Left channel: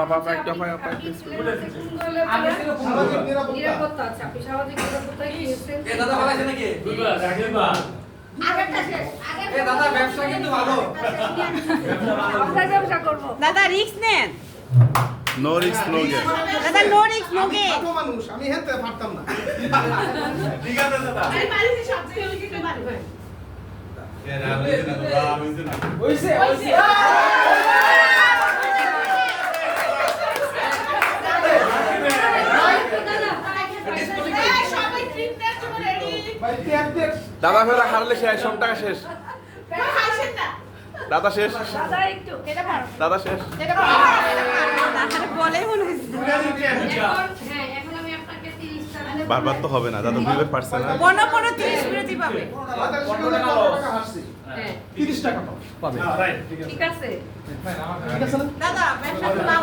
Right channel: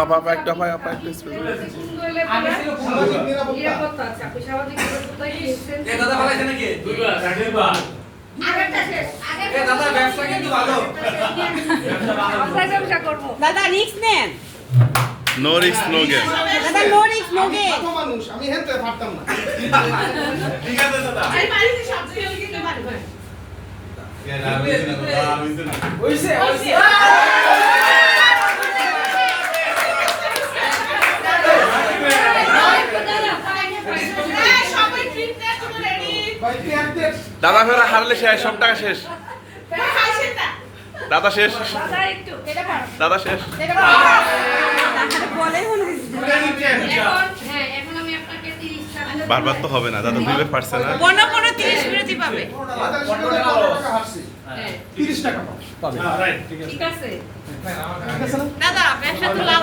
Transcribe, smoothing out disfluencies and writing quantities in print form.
apa একটা ভাই আপা প্লিজ আগে ছিল নিরাপত্তা আছে আপনি সামাজিক নিরাপত্তায় গিয়েছেন এ দাদা ভালো আছে নাকি দুইবার চাকরিবার আগেরটা শেষ এ দাদা ব্যবসা কিন্তু ভালো আমরা ব্যবসা করব দাদা রিস্ক নেন নো রিস্ক নো গেম দাদা নো রিস্ক নো গেম কত মানুষ আমি হেনতে পারতাম না ঠিক আছে দাদা এই বাড়িতে সব থেকে কিন্তু বাড়ি হয় হইছে হইছে সবাই ঠিক আছে রেডি ভাই টিয়াতে দাদা ফেরা হারলে শেষ সব টাকা শেষ খাইছেন না দাদা শেষ দাদা একটু এটা পারো দাদা শেষ তাহলে বলে মনে হচ্ছে এখন হ্যাঁ এখন আমি আপনাকে 30 টাকা বারবার তো হবে না দাদা দুইবার পারছে না 15 বিরতি পাবে বাজার শুনে টাকা হাসছে হ্যাঁ 30 টাকা পাবে রাইট ঠিক আছে ঠিক আছে ঠিক আছে না দাদা ব্যবসা তো লাভ